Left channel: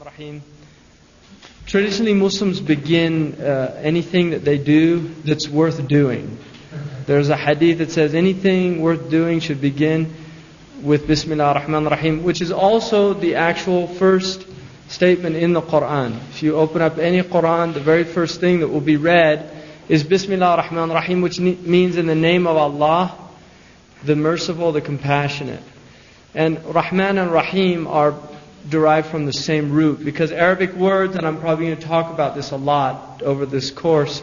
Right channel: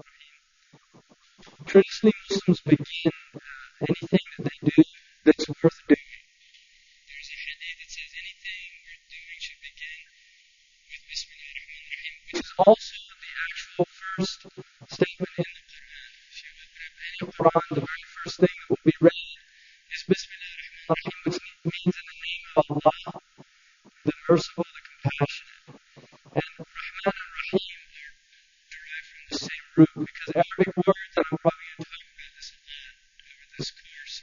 Rahim. Traditionally, Muslims begin anything that they do that's worth doing. There's a hadith that says anything worth doing should begin with Bismillah ar-Rahman ar-Rahim, which is also the actual first statement in the Quran. If you open up any Quran, the very first thing that will be read is Bismillah ar-Rahman ar-Rahim, which means in the name of Allah, the merciful, the compassionate. And Rahman and Rahim are derived from the same root, because Arabic words, and I'm probably going to talk about this a lot over this course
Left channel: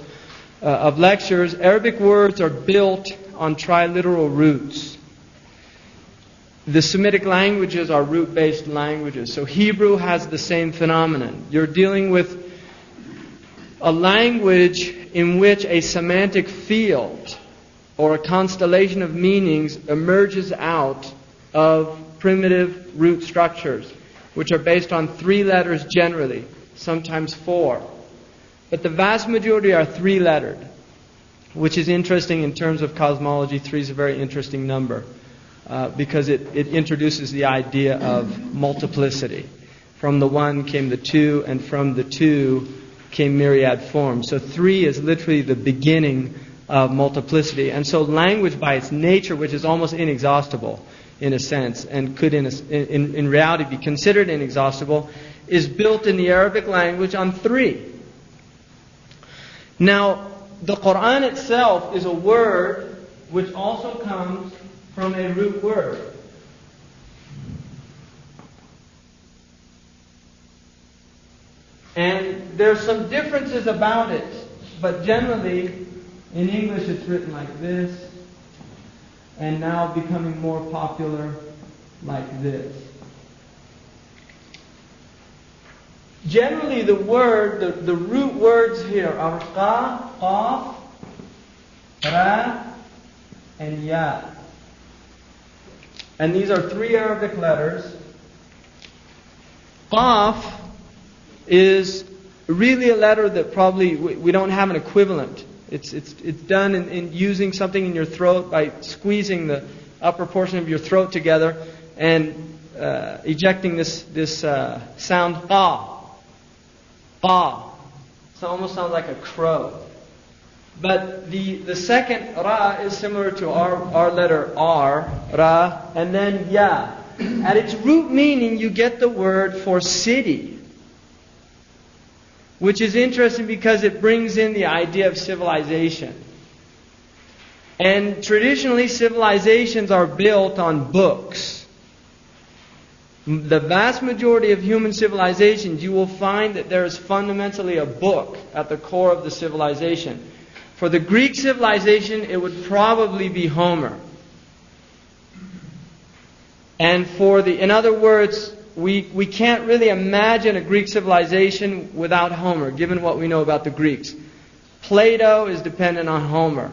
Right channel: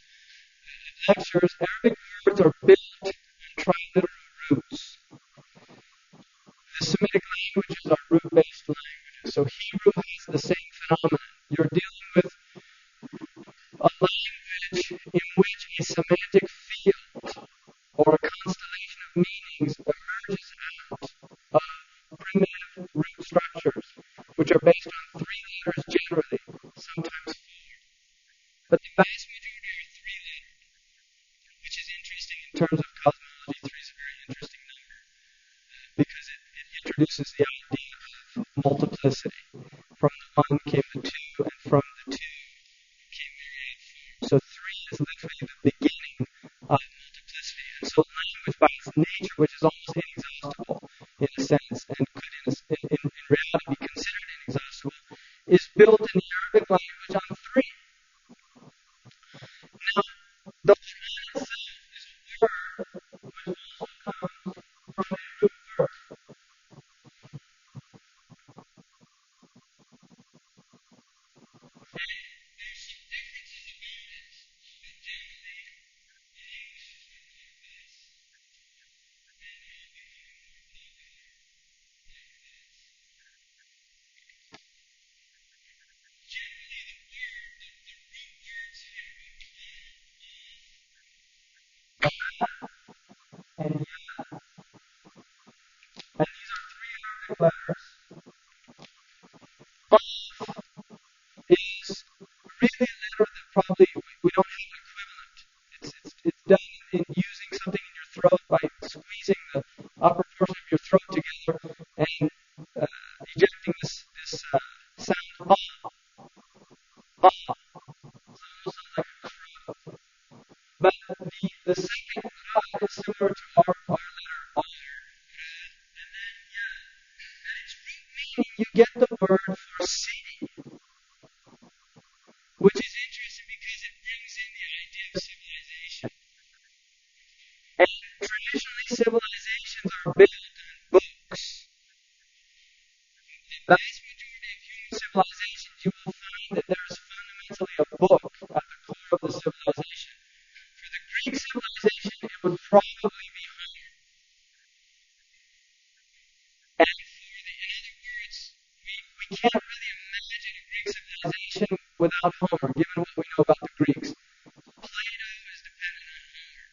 of lectures, Arabic words are built on triliteral roots. The Semitic languages are root-based languages. So Hebrew has the same phenomenon. You're dealing with a language in which a semantic field or a constellation of meanings emerges out of primitive root structures, which are based on 3 letters generally, sometimes 4. But the vast majority are 3-lettered, which is interesting in terms of cosmology. 3 is a very interesting number because it introduces the idea of multiplicity. From the 1 came the 2, and from the 2 came myriad forms. So 3 is literally the beginning of multiplicity. And so language by its nature, which is almost inexhaustible, in a sense, and could in reality be considered inexhaustible, is built in the Arabic language on 3. Now, the Quran itself is a word which also comes from a root word. And there's some differences about it, but generally, in English it's written like this, and now becoming more popular like this. Generally, the root words here are qa, qaf, ra, and ya. And these are 3 Arabic letters. Qaf is really a letter that probably we don't have an equivalent. It's done in using something in your throat by squeezing the upper portion of your throat together and ejecting this sound qa. Qa. So it almost sounds like a crow. But the second ra is similar to our letter R, ra, and then ya. At its root meaning, you get the word for city, which is interesting because it brings in the idea of civilization. And traditionally, civilizations are built on books. The vast majority of human civilizations, you will find that there is fundamentally a book at the core of the civilization. For the Greek civilization, it would probably be Homer. And in other words, we can't really imagine a Greek civilization without Homer, given what we know about the Greeks. Plato is dependent on Homer.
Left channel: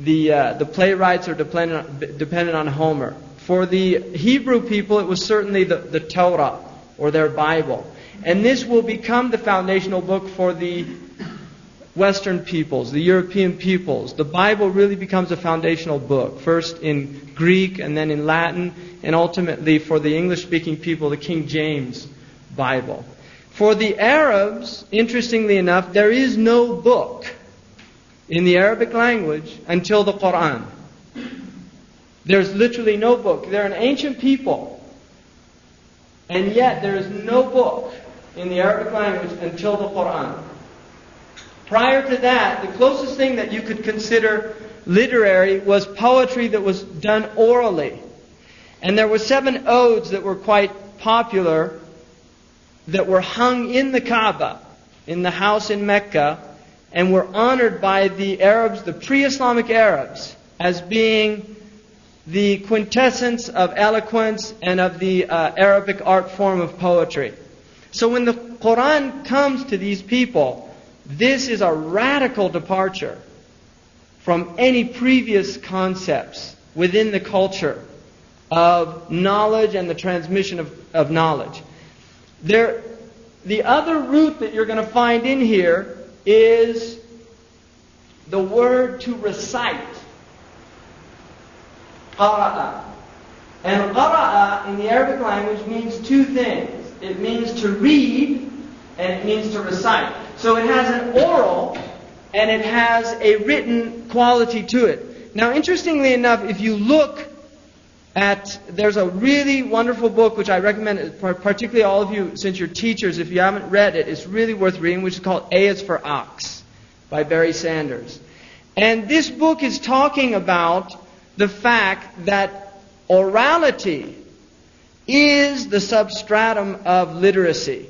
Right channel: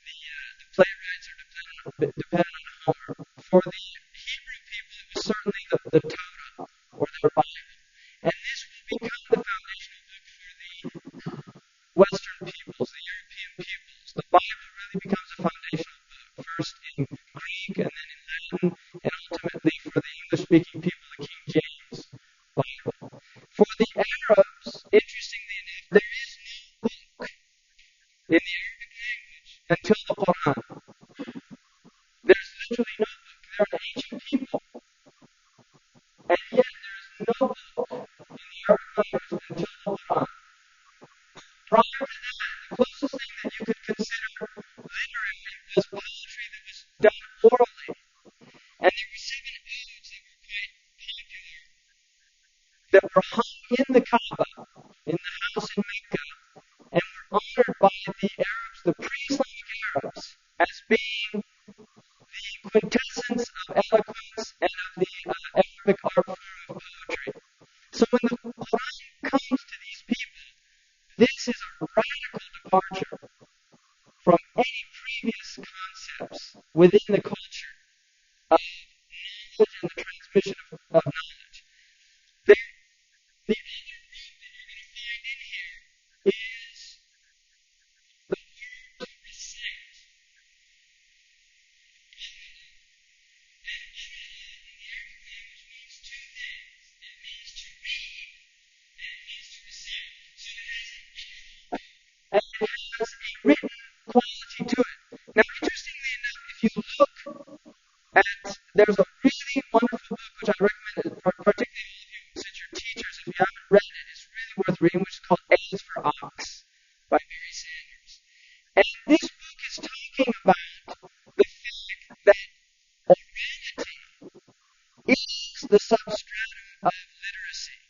The playwrights are dependent on Homer. For the Hebrew people, it was certainly the Torah, or their Bible. And this will become the foundational book for the Western peoples, the European peoples. The Bible really becomes a foundational book, first in Greek and then in Latin, and ultimately for the English-speaking people, the King James Bible. For the Arabs, interestingly enough, there is no book in the Arabic language until the Quran. There's literally no book. They're an ancient people, and yet there is no book in the Arabic language until the Quran. Prior to that, the closest thing that you could consider literary was poetry that was done orally. And there were 7 odes that were quite popular that were hung in the Kaaba, in the house in Mecca, and were honored by the Arabs, the pre-Islamic Arabs, as being the quintessence of eloquence and of the Arabic art form of poetry. So when the Quran comes to these people, this is a radical departure from any previous concepts within the culture of knowledge and the transmission of knowledge. The other root that you're going to find in here is the word to recite. Qara'a. And qara'a in the Arabic language means 2 things. it means to read, and it means to recite. So it has an oral and it has a written quality to it. Now, interestingly enough, if you look at, there's a really wonderful book which I recommend, particularly all of you, since you're teachers, if you haven't read it, it's really worth reading, which is called A is for Ox by Barry Sanders. And this book is talking about the fact that orality is the substratum of literacy.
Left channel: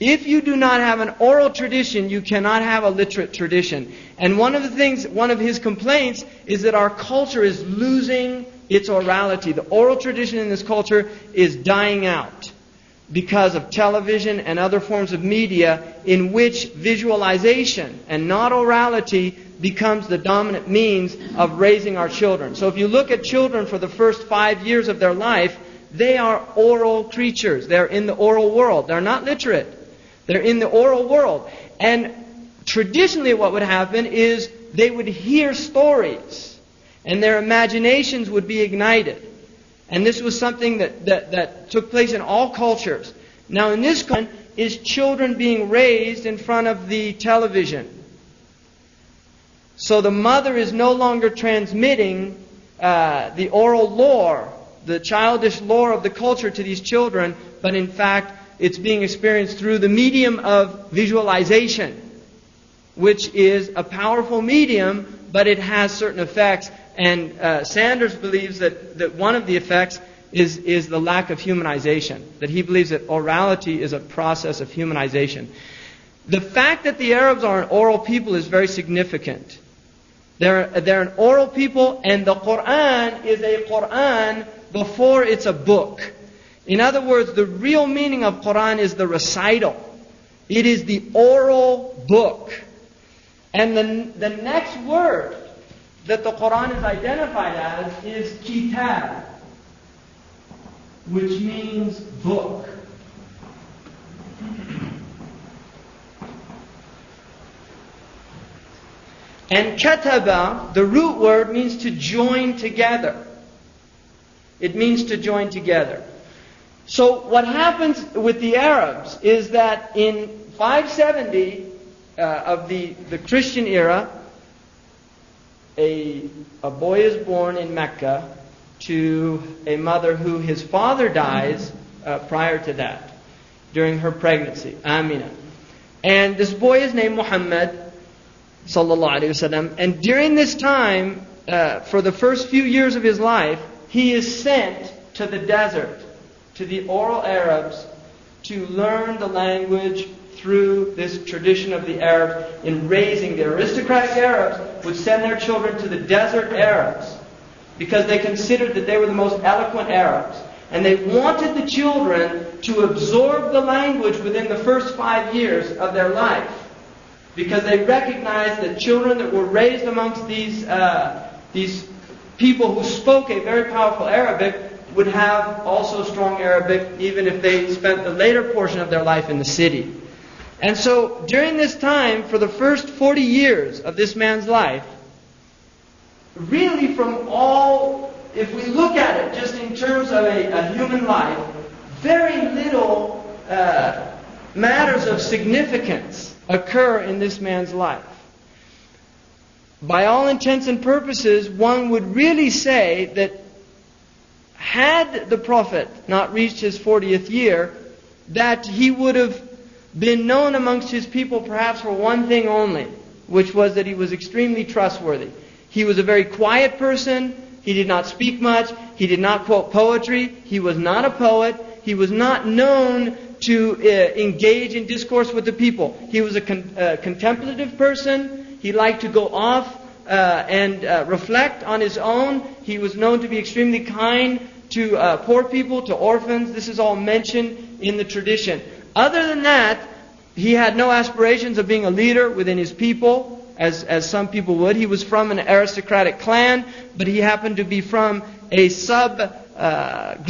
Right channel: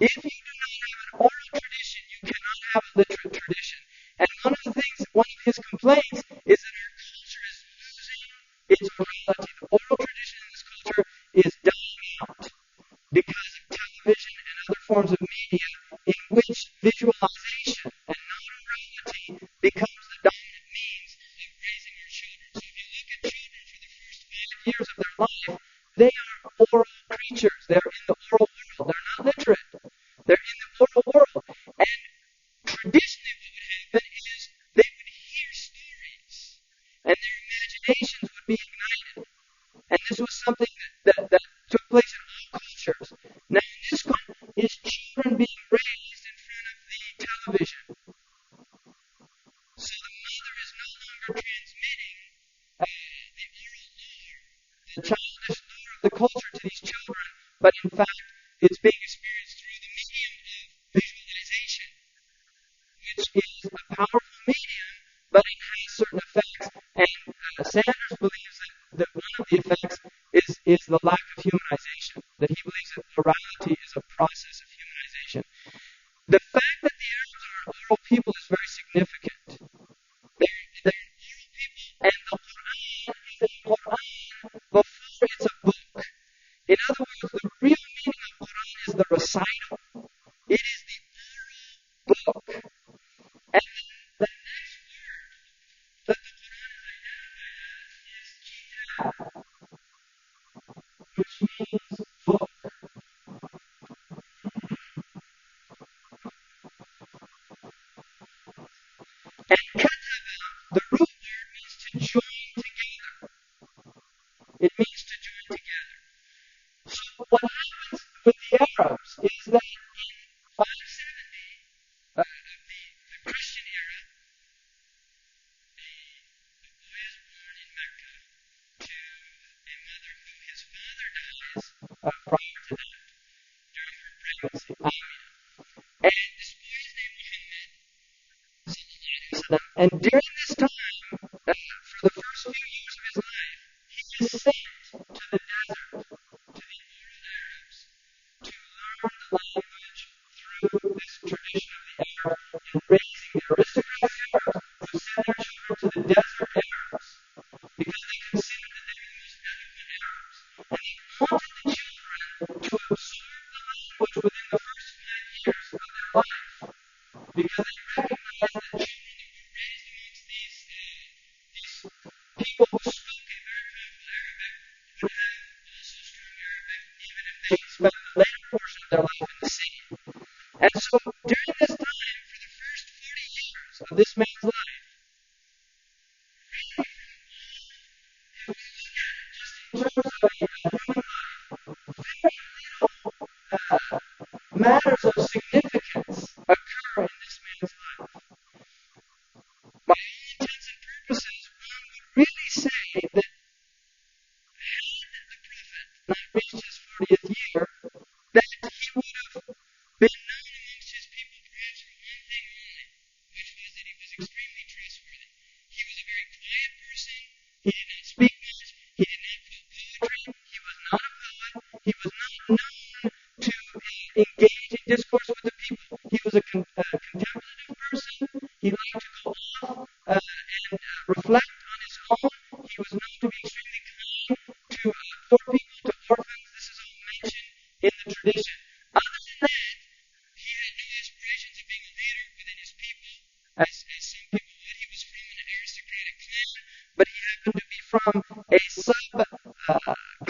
If you do not have an oral tradition, you cannot have a literate tradition. And one of his complaints is that our culture is losing its orality. The oral tradition in this culture is dying out because of television and other forms of media in which visualization and not orality becomes the dominant means of raising our children. So if you look at children for the first 5 years of their life, they are oral creatures. They're in the oral world. They're not literate. They're in the oral world. And traditionally what would happen is they would hear stories and their imaginations would be ignited. And this was something that took place in all cultures. Now in this country is children being raised in front of the television. So the mother is no longer transmitting the oral lore, the childish lore of the culture to these children, but in fact it's being experienced through the medium of visualization, which is a powerful medium, but it has certain effects. And Sanders believes that one of the effects is the lack of humanization. That he believes that orality is a process of humanization. The fact that the Arabs are an oral people is very significant. They're an oral people, and the Quran is a Quran before it's a book. In other words, the real meaning of Quran is the recital. It is the oral book. And the next word that the Quran is identified as is kitab, which means book. And kataba, the root word, means to join together. It means to join together. So what happens with the Arabs is that in 570 of the Christian era, a boy is born in Mecca to a mother who his father dies prior to that, during her pregnancy, Amina. And this boy is named Muhammad, sallallahu alaihi wasallam. And during this time, for the first few years of his life, he is sent to the desert, to the oral Arabs, to learn the language through this tradition of the Arabs in raising. The aristocratic Arabs would send their children to the desert Arabs because they considered that they were the most eloquent Arabs. And they wanted the children to absorb the language within the first 5 years of their life, because they recognized that children that were raised amongst these people who spoke a very powerful Arabic would have also strong Arabic, even if they spent the later portion of their life in the city. And so during this time, for the first 40 years of this man's life, really from all, if we look at it just in terms of a human life, very little matters of significance occur in this man's life. By all intents and purposes, one would really say that had the Prophet not reached his 40th year, that he would have been known amongst his people perhaps for one thing only, which was that he was extremely trustworthy. He was a very quiet person. He did not speak much. He did not quote poetry. He was not a poet. He was not known to engage in discourse with the people. He was a contemplative person. He liked to go off and reflect on his own. He was known to be extremely kind to poor people, to orphans. This is all mentioned in the tradition. Other than that, he had no aspirations of being a leader within his people, as some people would. He was from an aristocratic clan, but he happened to be from a sub group